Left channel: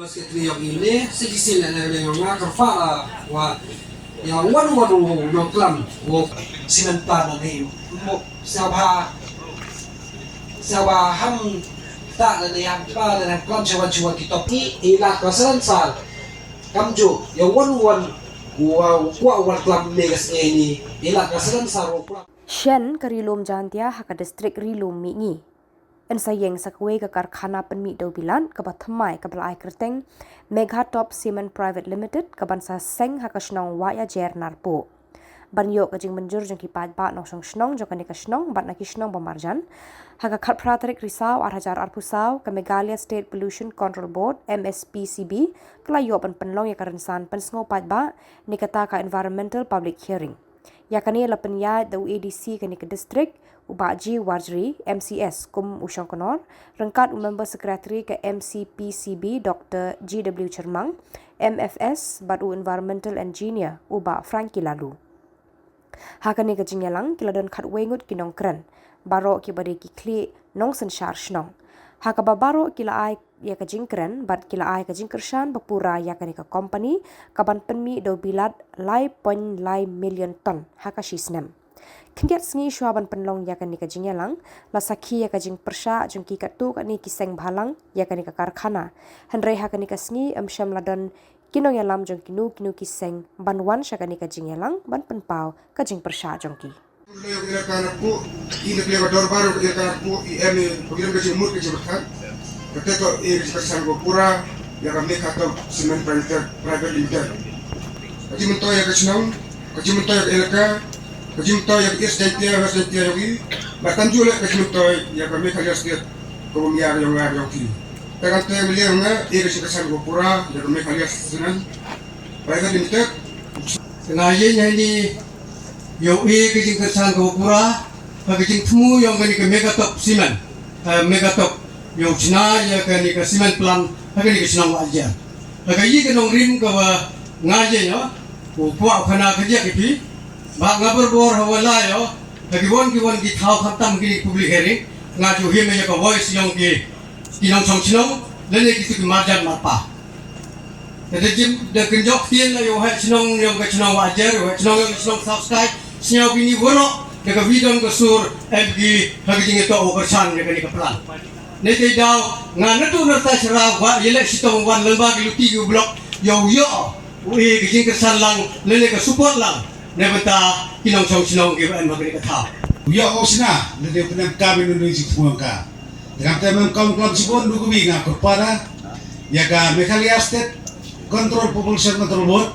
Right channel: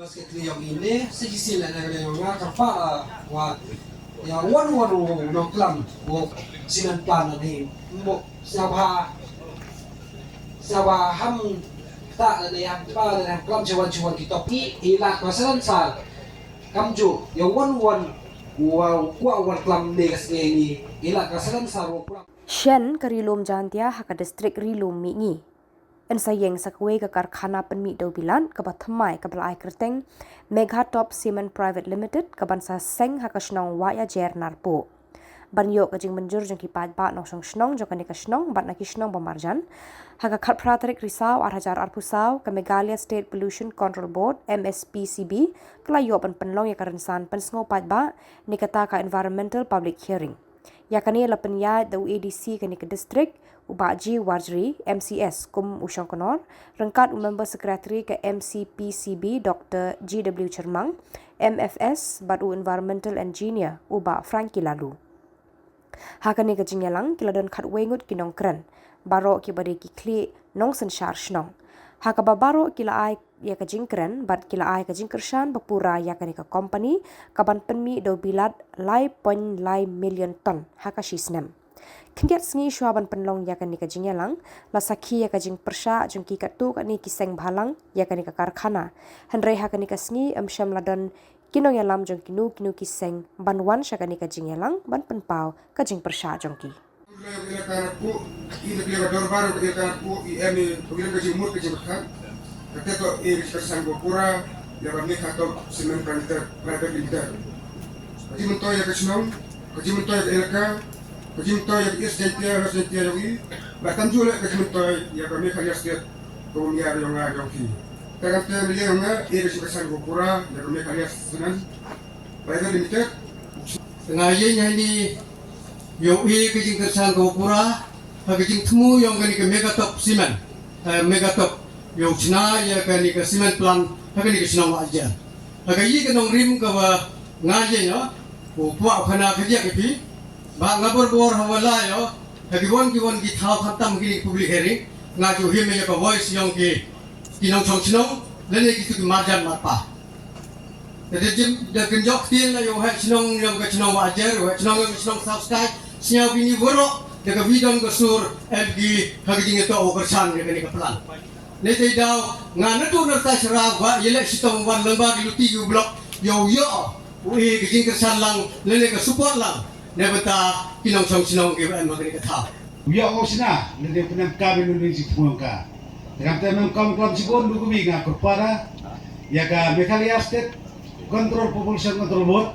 basket yang ini sedisi na yang mga karfa wa yang wan no klam o sinantan na mo sawa ham ta na yang pa na klam jawa kita ila kasalan sal kamjo yang wan wa klam negas ini ila kasalan saro Shen karilom jantia haka distrik rilom mingi. Ensayeng sakwe ke karkhana penmi do bilan ke bathamai ke belai kerteng Megha Top Cement Private Limited ke bansa seng haka snong waya jer narpo. Banyo ke jing menjur jeng kipat ba nok snong jong kanika snong bat naki snong bamarjan haka khat pratrik risau arhajar arpusau ke Meghalaya State Pollution Control Board MSPCB kelayo penlong ya karensan pensngo pat ba nikata ka environmental public hearing. Yakani lapan ya the ADC kani ke distrik Ubaji Warjri MCS kum usang konor rengkat member sekretari ke MCPCB Dr. GW Chermang MFS badu environmental engineer Uba Frankie Lalu. Hakani ke jingyalang kiladon khat wengut kinong kren baro ki bade ki kli nong senshar shnong. Hakaba baro kila ai ya ke jingkren bat kila ai ke jingkershan bapura ya kani ke company kaban penmi do bilad lai million ton hakashisnem. Kendiat sengi syuaban penlong ya kani ke jingyalang la sakhi ya ke jing persha jungki katu kani kiseng bhalang ya kani ke karkhana henrei hakani ke sengi amsham ladon kinong yalam jong kinu kiseng banwan syakani ke jingyalang ban penpau ke jing persha jongki. Ketika kesan Gopura yang kami kata Cement Private Limited. Kaji mentoy yang kesenang, kaji mentoy yang elka, kaji mentoy yang istitia lagi. Bahkan juga kaji mentoy yang kami kalian setiap kemudian yang ki. Tekan melihat kesan Gopura yang kami kalian Cement Private Limited. Kenanya ini yang kaji kesan Gopura, kaji temu yang kami Megha Top Cement, Megha Top yung China ya kani ka cement plant kani ka sinang aja lagi ka nong rim ka ngaje yo upwa khana khajia ki ba ngabor bor hawala yo lagi won ki thau khatam ki public hearing ngaju hi me ka voice yung ki kinong song sinong lele ki tu marjan mapa de jim de kenjok tien la yo ha sinong yung ka sinong aja yo sinong subscribe sinyau bini boro de ka vidon ka sur fg hagi ngeto oversan de kani ka plan Nete daw nga nato nerta sira ba yele sitong wan lemba di blok yo ui gijing kesan lang lele ka support lang nebata kinong song sinong ke an magri ka tha Ya osna lele penang kami nunui si ka. Dengan teman kaum sibon dugu binga kepada ya ka Meghalaya State Pollution Control Board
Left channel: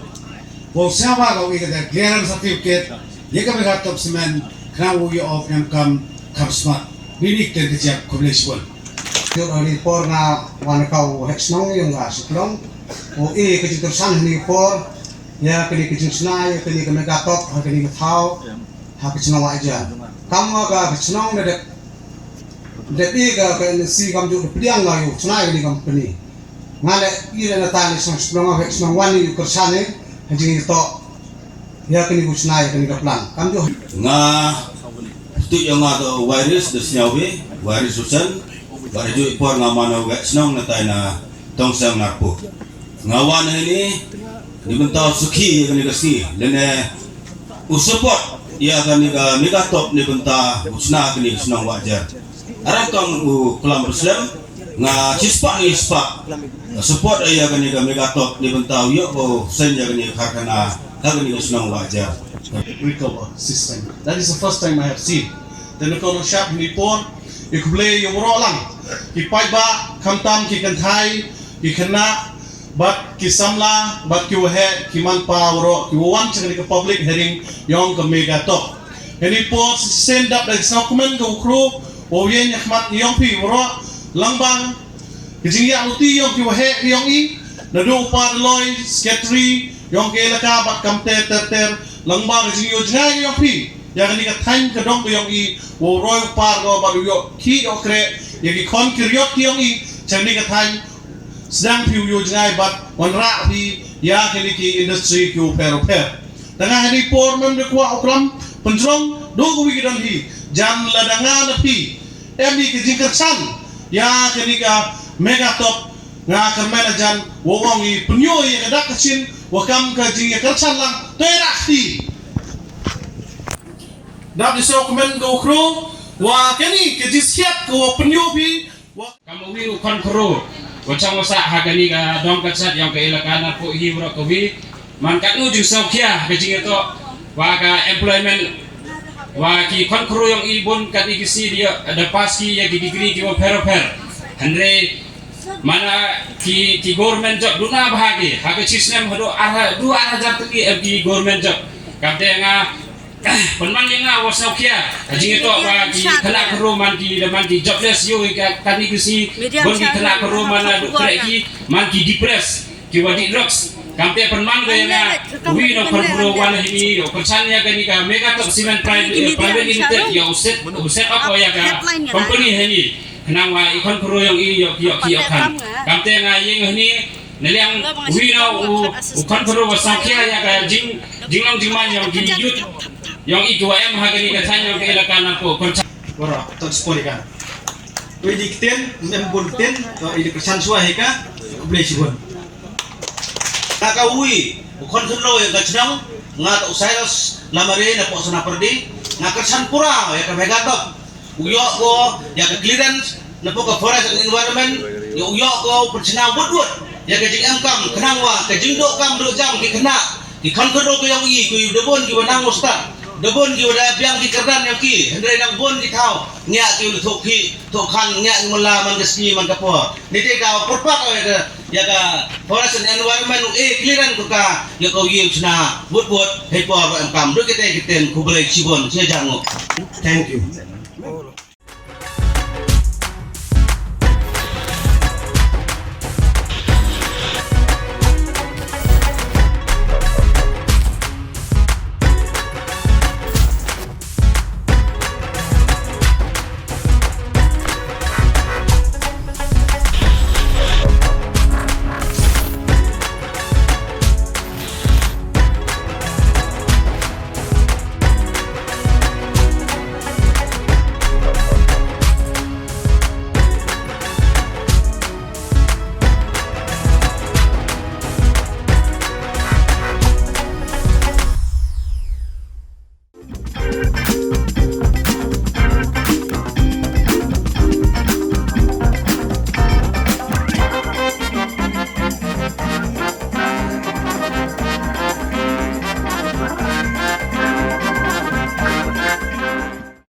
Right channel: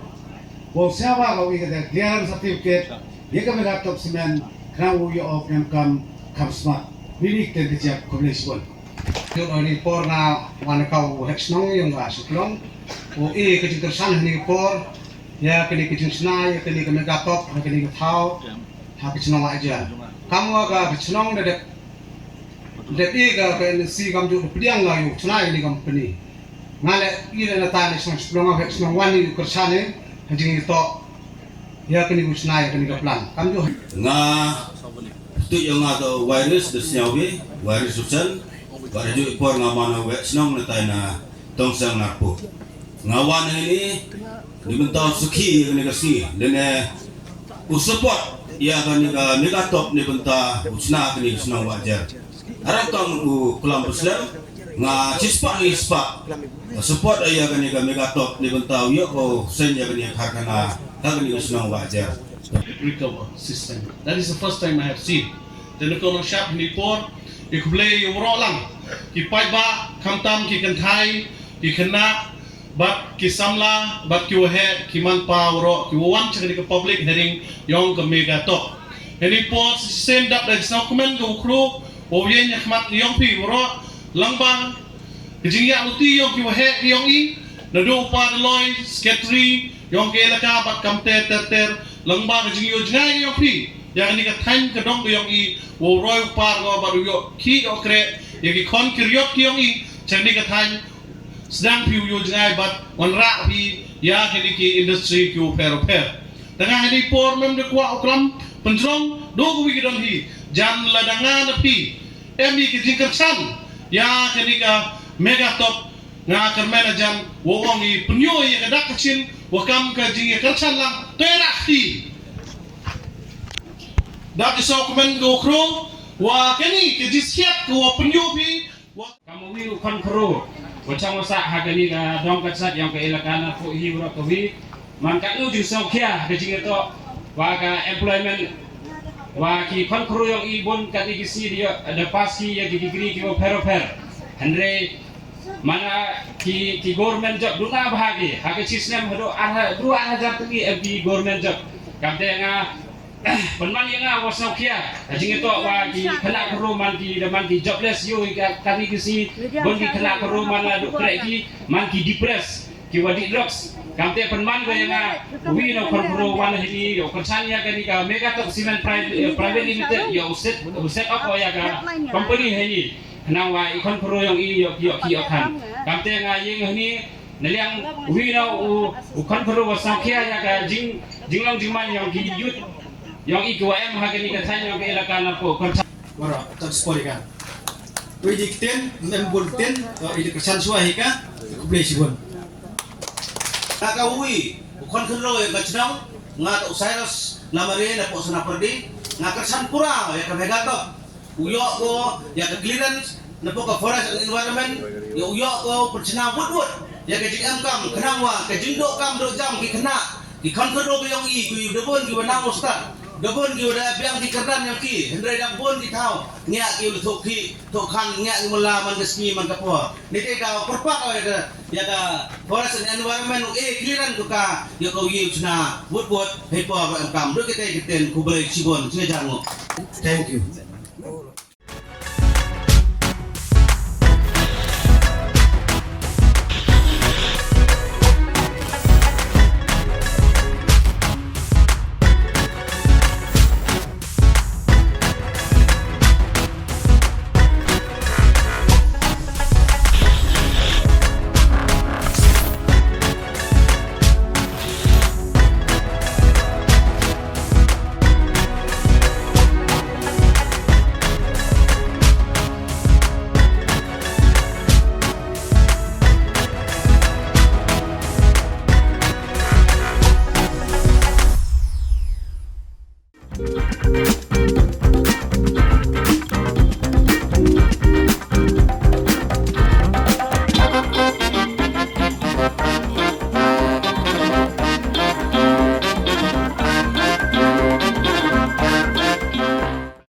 bo sawa ka wi ka clearance certificate ya ka Megha Top Cement kana wo yo of kam smart ini tendensi komunikasi. Yung report na wanakaw hexnong yung siklong o kajing tersang ni report ya kini kajing sna ya kini Megha Top kini thau ha kajing aja kamu aga kajing de ga si kam ju pediang la yu sna ini company ngale ile na tani siklong hexnong wani kersane kajing to ya kini sna ya kini plan kam ju nga tu yang ada virus de siawi virus susan baraju ipor ngamano wek snong na tayo na tongsang napo ngawan ini dibentau suki kani kasi lene usupot ya kani ka Megha Top ni benta usna kani snong wajar arang tong kelam muslim nga cispa ni ispa support ya kani ka Megha Top ni benta yo ko senya kani karkhana kani snong wajar recover system. That is the first time I have seen. The Nukono shop Nipor, ikble yung rolang. Kipai ba kamtam ki kanthai ki khana bat ki samla bat ki wahe ki man pa ro ki wan chang ni public hearing yong ka Megha Top. Any port send up the document go crew o yen khmat yong pi ro langbang jing ya luti yong ki wahe yong i na do pa loy secretary yong ke elaka bat kamte ter langbang jing yo jnai yong pi ya ni ka thain ka dong yong i wo roy par go baru yo ki okre yagi kon kiryot kiyong i chani ka than sedang piu yo jngai bat wanra hi ya kini ki industry ki pero dengan hari por mem de kwa oklam penjong do go wigidon hi jam ladanga na pi emi ki jingkersan ya kini ka Megha Top nga kermenajan wawongi penyo ya kedak kecin wakam ke jing ya kercan lang terakti dak iso kemen ke ukro wa keni ke jisiat ke wa penyo bi kamu wi ukon kro wacang wasa hagani ka dong katsat yang ke ilakana po hiwro ko wi man katnu jing saukia ke jing itu wa ka employment wa ki kon kro yang ibon kat igisi dia ada paski ya gigi ki wa per andre mana ki government job duna bahagi hage sistem hado dua jam tegi ki government job kamte nga penman nga wasaukia ajing itu wa ki kena keruman ki man ki jobless yo kan igisi bon ki kena keruman dokter ki man ki depress ki wadi drugs kamte penman ga nga wi no konfro wan hini konsannya kan ka mega top cement private limited ya uset apa ya ka company hini nawa ikon kuro yang iyo kan kamte nga yeng ni neliang wina ukon kuro wasakia ya ka jinglong jingman yang giyut yang iku em hagani ka tanya ke ilakana po kon Bora, tak sepoi kan. Kau dikten, ndem bolten, kau ini kersan suai ka, kau beli sibon. Nakawi ukon kulo yang kacnong nga usairos lamare na po sana perdi nga kersan pura ya ka megatop uyo ko ya ka clearance na po ka forest and environment ya uyo ko percina wood ya ka jing kam kenang wa ka jing do kam do jam ki kena ki kon ko do ko yang i ko debon ki wanang usta debon ki wada biang ki kerdat yang ki hendrai nang bon ki thau nya ki lu ki to kan nya mula man gesni man ka po ni te ka perpat ya ka forest and environment clearance ko ka ya ko yi chna wood he po ba kam do kite kiten ku boleh cibon sia jango. Thank you.